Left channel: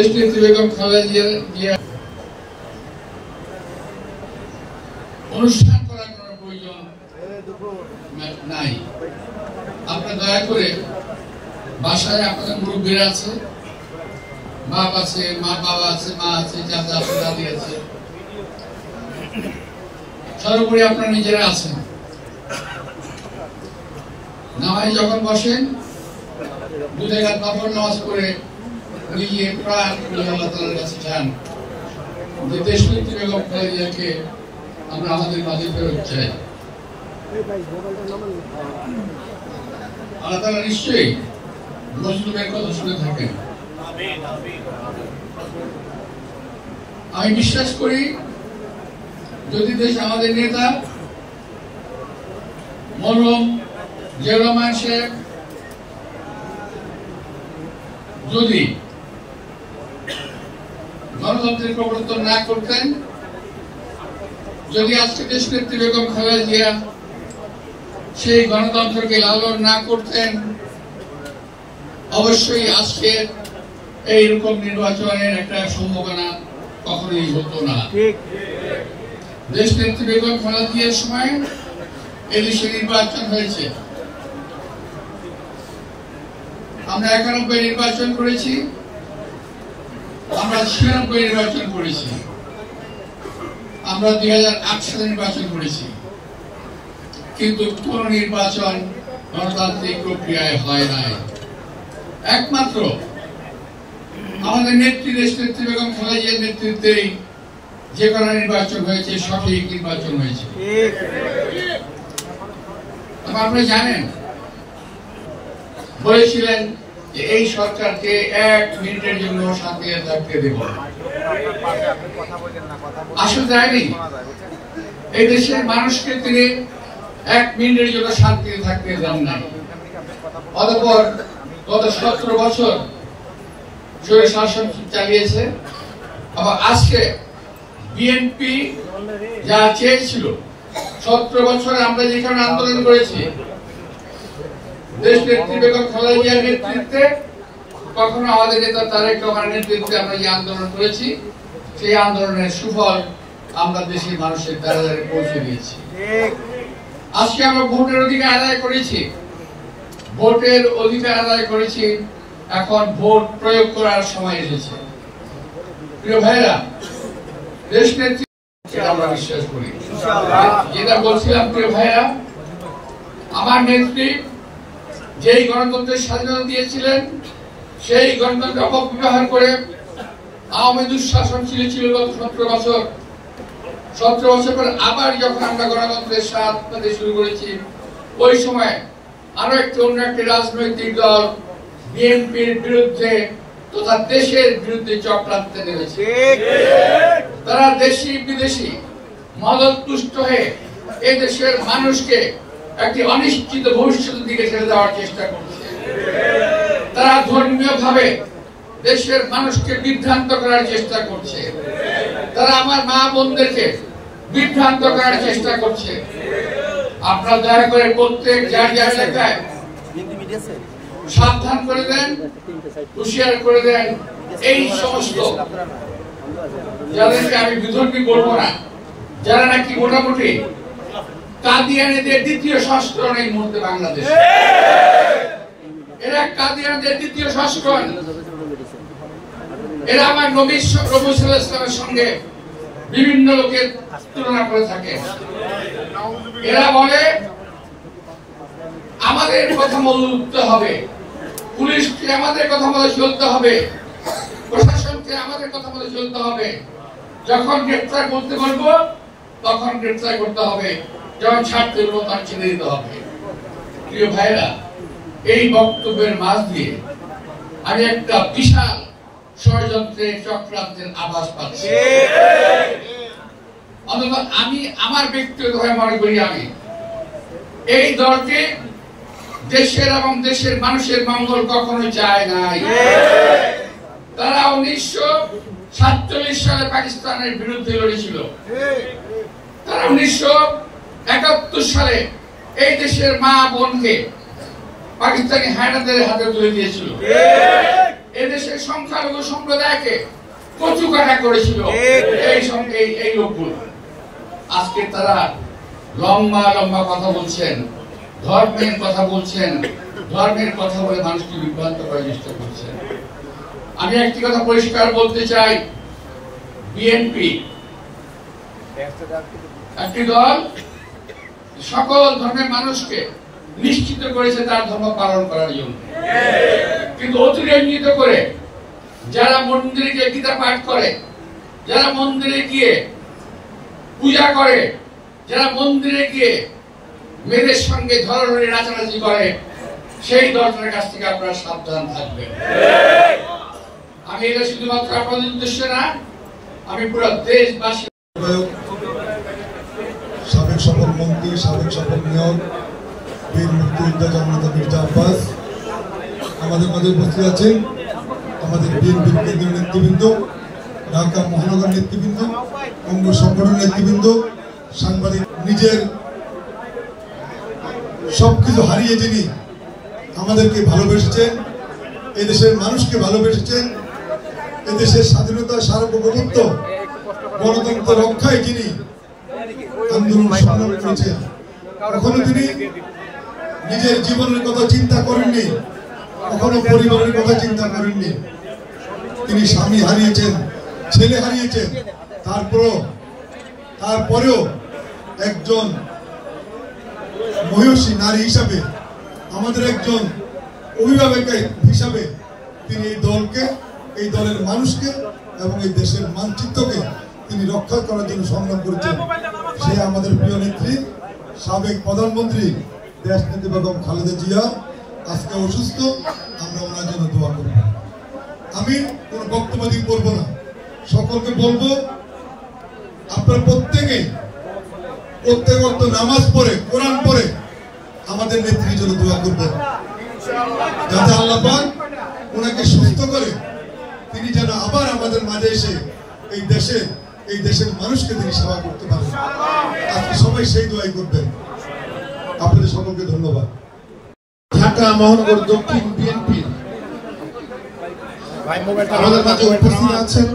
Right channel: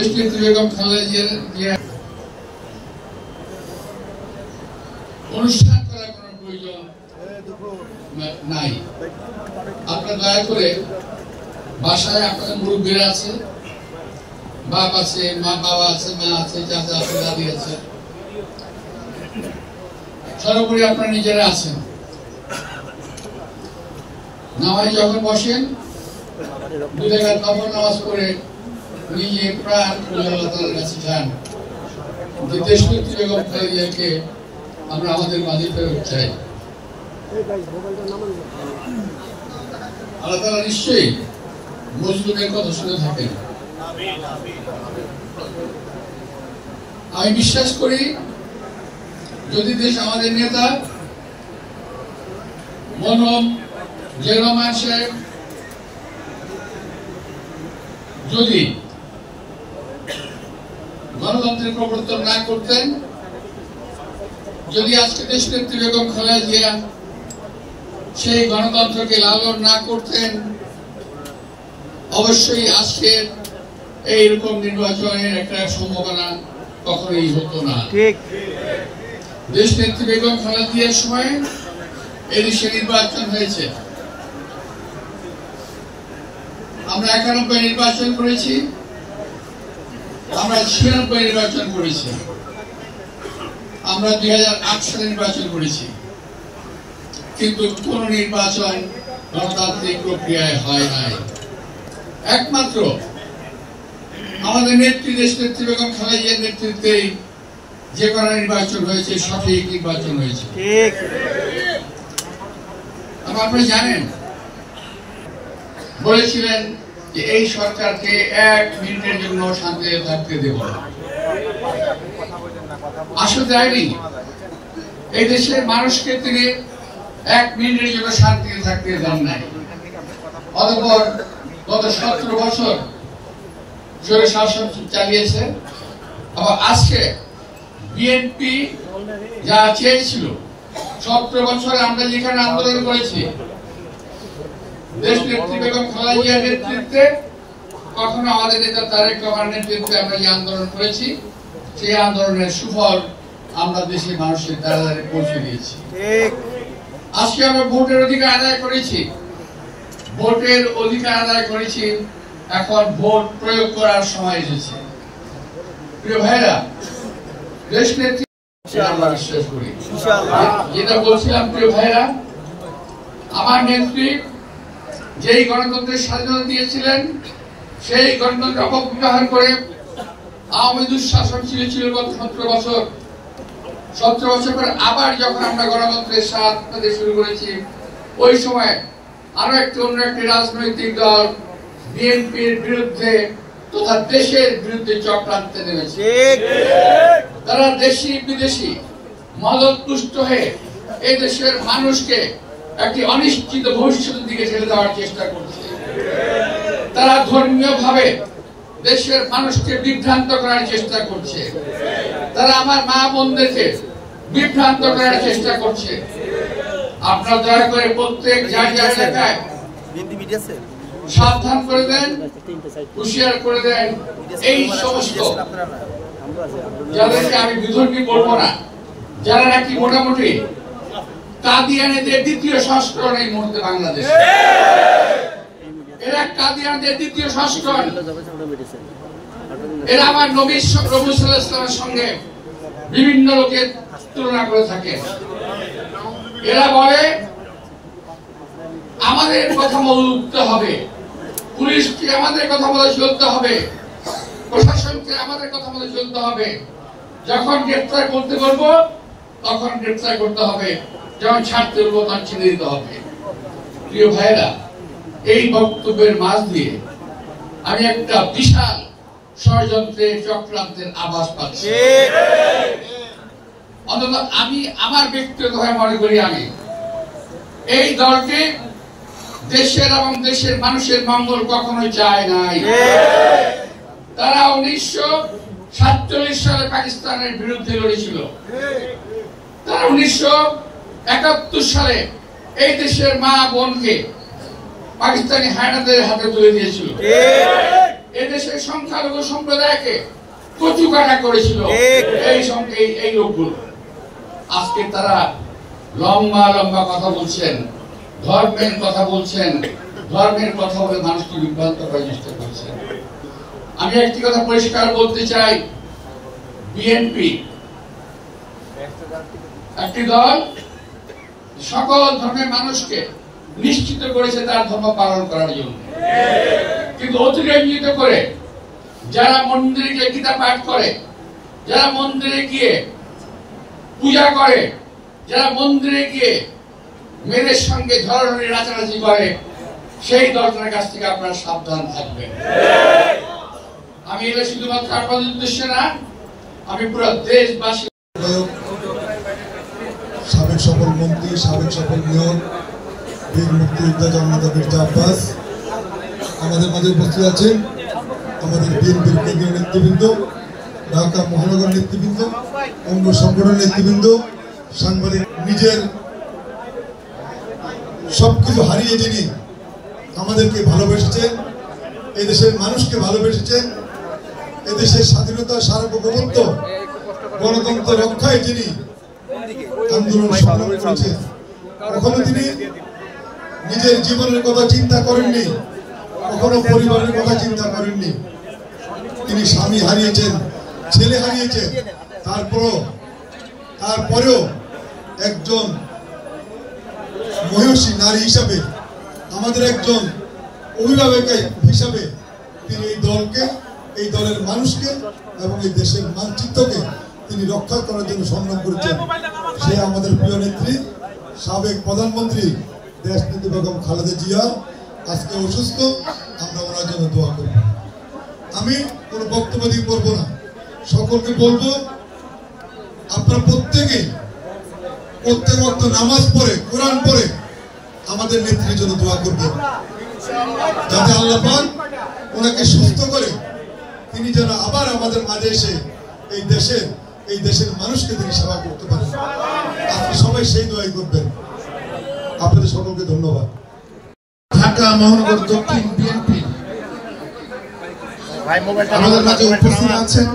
দেশনেত্রী বেগম খালেদা জিয়া অনুষ্ঠান করার কোনো প্রয়োজন নাই। আপনারা দয়া করে বাসায় আপনাদের মুরব্বীরা আছে, বাপ আছে, বাবা আছে, মা আছে, চাচা আছে, দাদি আছে, সর্বোপরি আপনারা নিজেরা আছেন। নামাজে যখন বসেন 2 রাকাত নফল নামাজ পড়ে নিজে প্রাণ খুলে আল্লাহ তাআলার কাছে চান যে দেশনেত্রী বেগম খালেদা জিয়াকে আমরা আমাদের মাঝে ফেরত চাই। আল্লাহ তাআলা নিশ্চয়ই মজলুমের কথা শুনে থাকেন। আমি বিশ্বাস করি যদি দেশ আমাদের নেতা মরহুম জিয়াউর রহমান সাহেব যদি গণতন্ত্রের প্রবর্তন না করতেন, যদি আজকে দেশনেত্রী বেগম খালেদা জিয়া সেই গণতন্ত্রকে লালন না করতেন, অবশ্যই আজকে এইরকম নির্বাচনের একটা সম্ভাবনা কখনোই হতো না। দেশনেত্রী বেগম খালেদা জিয়ার সময় এদেশে নির্বাচন হয়েছে। আমরা 91 নির্বাচন করেছি, আমরা 96 নির্বাচন করেছি, আমরা 2008 সালে নির্বাচন করেছি, কিন্তু কোন নির্বাচন গণতান্ত্রিক প্রক্রিয়ায় হয় নাই। একমাত্র আমাদের নেত্রী দেশনেত্রী বেগম খালেদা জিয়ার নেতৃত্বেই যে কোনো নির্বাচন হয়েছে, সঠিক নির্বাচন হয়েছে। আপনারা জানেন, বলেছিলেন যে এই সরকারকে 1 মিনিটের জন্য শান্তিতে থাকতে দেব না। আসলে দেয়নি। এই দেশের মানুষকে তিনি 1 মিনিটের জন্য শান্তিতে থাকতে দেন না। অতঃপর গত 17 বছর স্বৈর শাসন চালিয়েছে। আবার আজকে বিএনপি যা চেয়েছিল, 17 বছর আমরা যেখানে আন্দোলন করেছি দেশনেত্রী বেগম খালেদা জিয়ার নেতৃত্বে, কখনো আমাদের নেতা তারেক রহমানের নেতৃত্বে আমরা যে আন্দোলন করেছি, সেই আন্দোলনের সুফল আমরা দেশের মানুষের দ্বারা দ্বারে পৌঁছে দিয়েছি। আজকে আমরা ভোটের অধিকার আদায় করেছি, ভোটের অধিকার আদায় করেছি, এখন ভোট প্রয়োগ করার সময় এসেছে। প্রিয় ভাইরা, দেশনেত্রী আমরা বিশ্বাস করি, যেটা বলছিলাম, প্রিয় ভাইরা, আমার নেত্রী যেই গণতন্ত্রের স্বাধীনতা দিয়েছিলেন, সেই গণতন্ত্র অপব্যবহার করে আওয়ামী দুঃশাসন ছিল গত 17 বছর। 17 বছর পর আবার যখন আমরা গণতন্ত্রের স্বাদ পেতে শুরু করেছি, ওই সময় আরো অন্য একটি রাজনৈতিক দল বিএনপির বিরুদ্ধে তথা দেশের বিরুদ্ধে চক্রান্তে নেমেছে। তারা দেশি বিদেশি মদতপুষ্ট হয়ে এই দেশের মানুষকে একটি অনিশ্চিত ভবিষ্যতের দিকে ঠেলে দেওয়ার চেষ্টা করছে। তারা ধর্মীয় ভাবে দেশের মানুষকে বিভ্রান্ত করার চেষ্টা করছে। তারা আমার মা বোনদেরকে বিভ্রান্ত করার চেষ্টা করছে। আপনারা দয়া করে প্রত্যেক যার এলাকায় সাবধান করে দেন, হুঁশিয়ার করে দেন এই সমস্ত যাদেরকে আমি বিধর্মী বলবো না, যারা নাকি মোটামুটি কাদিয়ানীদের দ্বিতীয় সংস্করণ এই মুহূর্তে বাংলাদেশে। এরা কাদিয়ানীদের দ্বিতীয় সংস্করণ। এরা আমার নবী সাল্লাল্লাহু আলাইহি ওয়াসাল্লামের সঙ্গে বিভিন্ন লোকের তুলনা করে থাকে। এরা বলে আমাদের কথা বলতে হবে, পুলিশকে আমাদের কথা বলে চলতে হবে, প্রশাসনকে আমাদের কথা বলে চলতে হবে। যখন গ্রেফতার করতে বলবো তখন গ্রেফতার করতে হবে, যখন ছাড়তে বলবো তখন ছেড়ে দিতে হবে। প্রিয় ভাইরা, এই বক্তব্যের মাঝ দিয়ে আমি একটা বিশাল ষড়যন্ত্রের চক্রান্তের আভাস পাচ্ছি। অন্তত আমি আমার ব্যক্তিগতভাবে মনে করি, আমি এই দলকে দেশের এবং দেশের মানুষের মঙ্গল কখনোই চায় নাই। তারা 1947 সালে পাকিস্তানের বিরুদ্ধে লড়েছিল। তারা 1971 সালে এই দেশের মা বোনকে পাকিস্তানি হায়নাদের হাতে তুলে দিয়েছিল। এদেশের সংখ্যালঘু সম্প্রদায়কে কচুকাটা করেছিল এই লোকগুলো। আজকে তারা লম্বা লম্বা কথা বলছেন, ধর্মের কথা বলছেন, ধর্মের কথা বলে মানুষকে বিভ্রান্ত করার চেষ্টা করছেন। আমি একটি কথা পরিষ্কার বলতে চাই, বিএনপি একটি দল সকল ধর্মের মানুষকে নিশ্চিত করেছে তার ধর্ম পালন করার জন্য, কিন্তু অতিরঞ্জিত করে যারা মন্দিরে গিয়ে গীতা পাঠ করে, যারা মন্দিরে গিয়ে পূজা করে, যারা মন্দিরে গিয়ে মেয়েদের সঙ্গে ঝড়ঝড়ি নাচানাচি করে, সেই দলটার কাছ থেকে আপনারা সাবধান থাকবেন। আমি এটা শুধুমাত্র আপনাদের উদ্দেশ্যে না, আমি পুরো দেশবাসী। সাবেক সফল মন্ত্রী, সাবেক সফল মেয়র বীর মুক্তিযোদ্ধা জননেতা মির্জা আব্বাস আমাদের মাঝে উপস্থিত আছেন। আমাদের বিএনপির কেন্দ্রীয় নেতৃবৃন্দ, ঢাকা মহানগর নেতৃবৃন্দ, অঙ্গ সংগঠন নেতৃবৃন্দ, সাংবাদিক, নিজের সবকিছু হারিয়ে যিনি আমাদেরকে ভালোবেসেছেন, এদেশের মানুষকে ভালোবেসেছেন, এদেশের স্বাধীনতা, সার্বভৌমত্ব, গণতন্ত্র রক্ষায় যিনি আন্দোলন সংগ্রাম করেছেন, কখনো তিনি নিজের জীবনের কথা চিন্তা করেননি, কখনো পরিবারের কথা চিন্তা করেননি। তিনি স্বামী হারিয়েছেন, ছেলে হারিয়েছেন, তারপরেও একজন মহিষী নারী হিসাবে, আমাদের একজন অভিভাবক হিসাবে তিনি এই দলকে, এই দলের মানুষকে এবং এই দেশের মানচিত্রকে তিনি রক্ষা করার জন্য সংগ্রাম করেছেন। সে আমাদের প্রিয় নেত্রী, সাবেক প্রধানমন্ত্রী দেশনেত্রী বেগম খালেদা জিয়া আজকে অসুস্থ। আমরা ওনার জন্য দোয়া করব। আমি কোনো বক্তব্য দিয়ে করবো না, সকলকে বলবো আপনারা প্রত্যেকে নামাজ পড়ে, কোরআন পড়ে আমাদের নেত্রীর জন্য দোয়া করবেন, যাতে আল্লাহ পাক ওনাকে সুস্থ করে তিনি যেন আবার আমাদের মাঝে এসে এই দেশের মানুষকে তিনি সেবা করতে পারেন। আজকে সবাই সেই দোয়াই করবেন। আপনাদের সকলকে ধন্যবাদ। ঢাকা মহানগর দক্ষিণ বিএনপি আমাদের মাঝে উপস্থিত আছেন